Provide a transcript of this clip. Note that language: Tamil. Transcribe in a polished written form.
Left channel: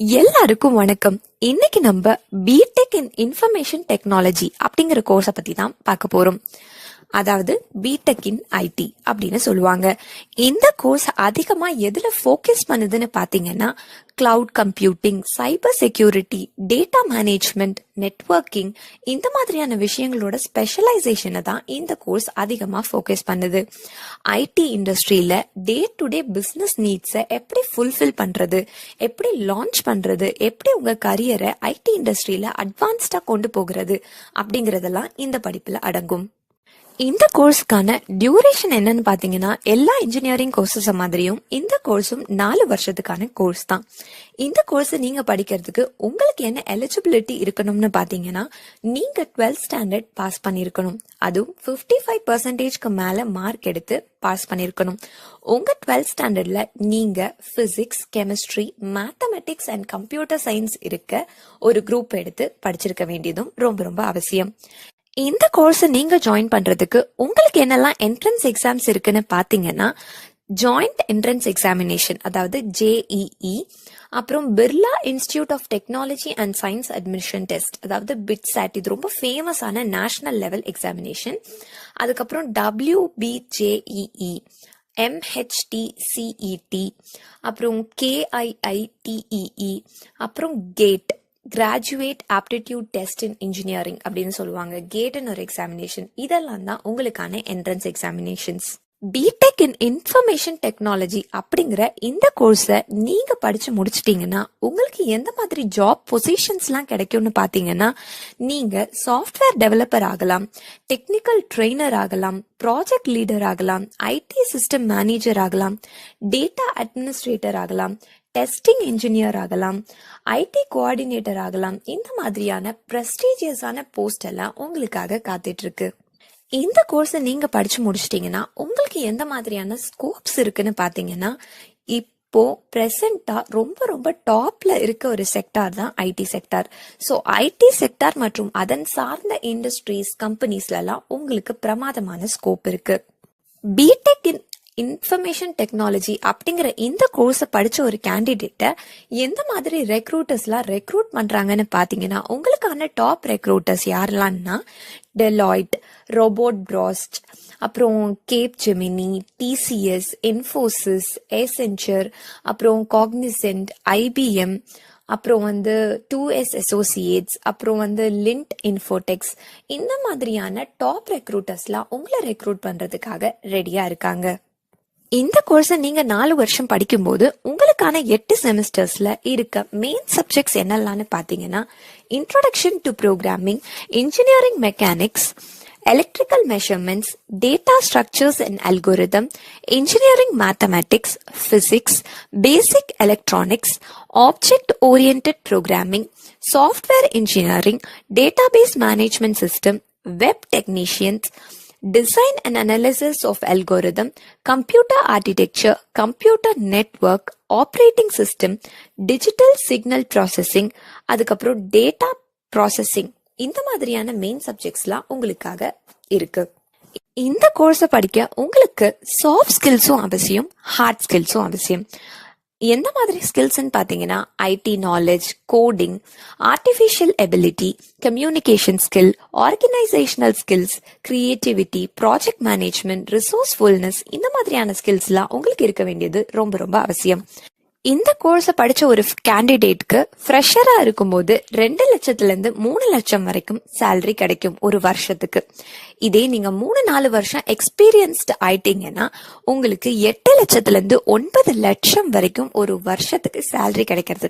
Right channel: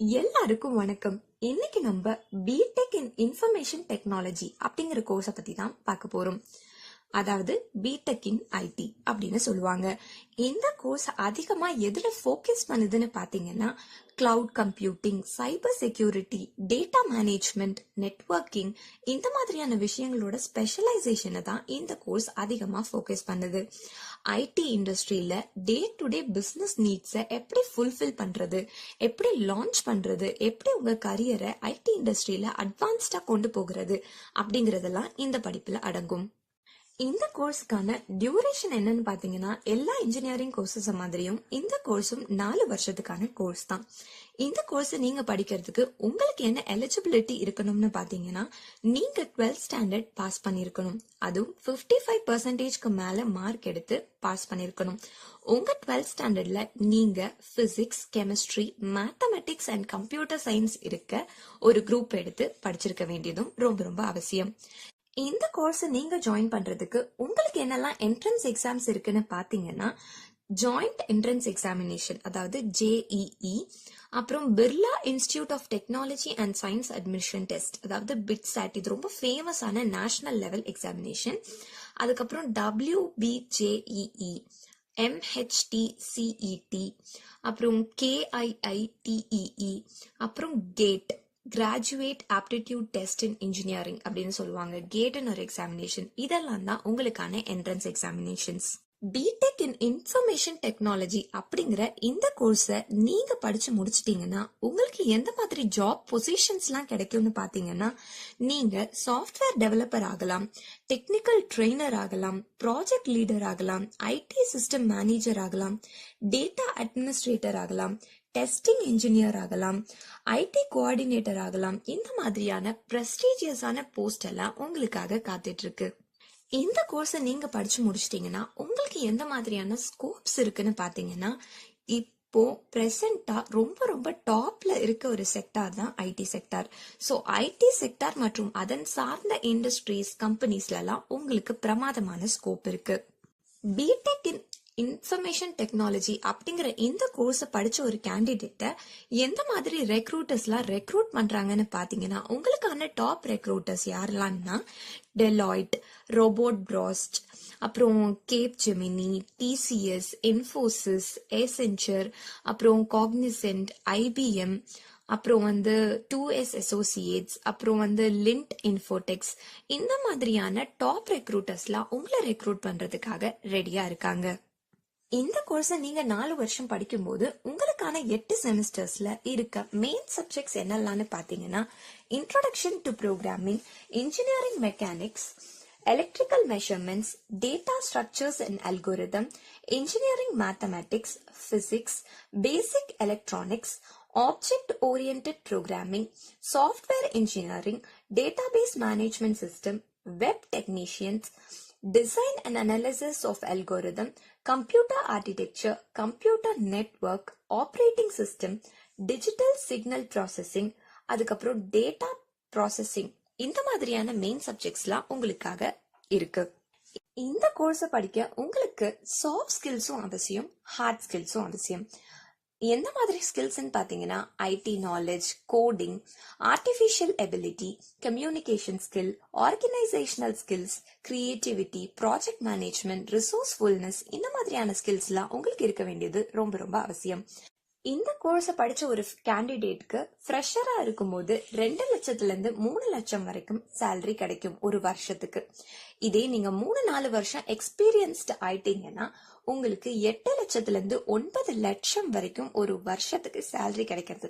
எல்லாருக்கும் வணக்கம். இன்னைக்கு நம்ம பிடெக் இன் இன்ஃபர்மேஷன் டெக்னாலஜி அப்படிங்கிற கோர்ஸை பத்தி தான் பார்க்க போறோம். அதாவது பிடெக் இன் ஐடி அப்படின்னு சொல்லுவாங்க. இந்த கோர்ஸ் அதிகமா எதுல ஃபோக்கஸ் பண்ணுதுன்னு பாத்தீங்கன்னா cloud computing, cyber security, data management, networking இந்த மாதிரியான விஷயங்களோட ஸ்பெஷலைசேஷனை தான் இந்த கோர்ஸ் அதிகமா ஃபோக்கஸ் பண்ணுது. ஐடி இண்டஸ்ட்ரியில டே டு டே பிசினஸ் நீட்ஸை எப்படி ஃபுல்ஃபில் பண்றது, எப்படி லான்ச் பண்றது, எப்படி உங்க கரியரை ஐடி இண்டஸ்ட்ரியில அட்வான்ஸ்டா கொண்டு போகிறது அப்படிங்கறதெல்லாம் இந்த படிப்புல அடங்கும். இந்த கோர்ஸ்க்கான டியூரேஷன் என்னன்னு பாத்தீங்கன்னா எல்லா இன்ஜினியரிங் கோர்சஸ் மாதிரியும் இந்த கோர்ஸும் 4 வருஷத்துக்கான கோர்ஸ் தான். இந்த கோர்ஸ் நீங்க படிக்கிறதுக்கு உங்களுக்கு என்ன எலிஜிபிலிட்டி இருக்கணும்னு பாத்தீங்கன்னா நீங்க 12th ஸ்டாண்டர்ட் பாஸ் பண்ணிருக்கணும். அதுவும் 55% மேல மார்க் எடுத்து பாஸ் பண்ணிருக்கணும். உங்க 12th ஸ்டாண்டர்ட்ல நீங்க physics, chemistry, mathematics and computer science இருக்க ஒரு குரூப் எடுத்து படிச்சிருக்க வேண்டியதும் ரொம்ப ரொம்ப அவசியம். இந்த கோர்ஸ் நீங்க ஜாயின் பண்றதுக்கு உங்களுக்கு என்னெல்லாம் என்ட்ரன்ஸ் எக்ஸாம்ஸ் இருக்குன்னு பாத்தீங்கன்னா ஜாயிண்ட் என்ட்ரன்ஸ் எக்ஸாமினேஷன் அதாவது JEE, அப்புறம் Birla institute of technology and science admission test அதாவது BITSAT, இது ரொம்ப ஃபேமஸான நேஷனல் லெவல் எக்ஸாமினேஷன். அதுக்கப்புறம் WBJEE, MHTCET, அப்புறம் KIITEE, அப்புறம் GATE graduate aptitude test in engineering அப்படின்னு சொல்லுவாங்க. கேட்னு ஒரு எக்ஸாமினேஷன். இதெல்லாம் தான் உங்களுக்கான entrance examinations. BTech in information technology அப்படிங்கிற இந்த கோர்ஸை நீங்க படிச்சு முடிச்சிட்டீங்கன்னா உங்களுக்கு எந்த மாதிரி ஜாப் பொசிஷன்ஸ்லாம் கிடைக்கும்னு பாத்தீங்கன்னா நீங்க சாஃப்ட்வேர் டெவலப்பர் ஆகலாம், டெக்னிக்கல் ட்ரெயினர் ஆகலாம், ப்ராஜெக்ட் லீடர் ஆகலாம், ஐடி சிஸ்டம் மேனேஜர் ஆகலாம், டேட்டா அட்மினிஸ்ட்ரேட்டர் ஆகலாம், டெஸ்டிங் இன்ஜினியர் ஆகலாம், ஐடி கோஆர்டினேட்டர் ஆகலாம். இந்த மாதிரியான பிரஸ்டீஜியஸான போஸ்ட் எல்லாம் உங்களுக்காக காத்துட்டு இருக்கு. இந்த கோர்ஸை நீங்க படிச்சு முடிச்சிட்டீங்கன்னா உங்களுக்கு எந்த மாதிரியான ஸ்கோப்ஸ் இருக்குன்னு பாத்தீங்கன்னா இப்போ பிரசண்டா ரொம்ப ரொம்ப டாப்ல இருக்க ஒரு செக்டார் தான் IT sector. So IT sector மற்றும் அதன் சார்ந்த இண்டஸ்ட்ரீஸ், கம்பெனிஸ்ல எல்லாம் உங்களுக்கு பிரமாதமான ஸ்கோப் இருக்கு. பிடெக் இன் இன்ஃபர்மேஷன் டெக்னாலஜி அப்படிங்கிற இந்த கோர்ஸை படிச்ச ஒரு கேண்டிடேட்டை எந்த மாதிரி ரெக்ரூட்டர்ஸ்லாம் ரெக்ரூட் பண்றாங்கன்னு பாத்தீங்கன்னா உங்களுக்கான டாப் ரெக்ரூட்டர்ஸ் யாரெல்லாம்னா டெலாய்ட், ரோபோட் பிராஸ்ட், அப்புறம் Capgemini, TCS, Infosys, Accenture, அப்புறம் காக்னிசென்ட், IBM, அப்புறம் 2S அசோசியேட்ஸ், அப்புறம் லிண்ட் இன்ஃபோடெக்ஸ், இந்த மாதிரியான டாப் ரெக்ரூட்டர்ஸ்லாம் உங்களை ரெக்ரூட் பண்றதுக்காக ரெடியா இருக்காங்க. இந்த கோர்ஸை நீங்க 4 வருஷம் படிக்கும்போது உங்களுக்கான 8 செமஸ்டர்ஸ்ல இருக்க மெயின் சப்ஜெக்ட்ஸ் என்னெல்லாம்னு பாத்தீங்கன்னா introduction to programming, engineering mechanics, electrical measurements, data structures and algorithm, engineering mathematics, physics, basic electronics, object oriented programming, software engineering, database management system, web technicians, design and analysis of algorithm, computer architecture, computer network, operating system, digital signal processing, அதுக்கப்புறம் data processing, இந்த மாதிரியான மெயின் சப்ஜெக்ட்ஸ்லாம் உங்களுக்காக இருக்கு. இந்த கோர்ஸை படிக்க உங்களுக்கு சாஃப்ட் ஸ்கில்ஸும் அவசியம், ஹார்ட் ஸ்கில்ஸும் அவசியம். எந்த மாதிரி ஸ்கில்ஸ்ன்னு பார்த்தீங்கன்னா IT knowledge, coding, artificial ability, communication skill, organisational skills, creativity, project management, resourcefulness, இந்த மாதிரியான ஸ்கில்ஸ்லாம் உங்களுக்கு இருக்க வேண்டியது ரொம்ப ரொம்ப அவசியம். இந்த கோர்ஸை படிச்ச ஒரு கேண்டிடேட்க்கு ஃப்ரெஷரா இருக்கும்போது 2 லட்சத்துல இருந்து 3 லட்சம் வரைக்கும் சேலரி கிடைக்கும் ஒரு வருஷத்துக்கு. இதே நீங்க 3-4 வருஷம் எக்ஸ்பீரியன்ஸ்டு ஆயிட்டீங்கன்னா உங்களுக்கு 8 லட்சத்துல இருந்து 9 லட்சம் வரைக்கும் ஒரு வருஷத்துக்கு சேலரி கிடைக்கிறது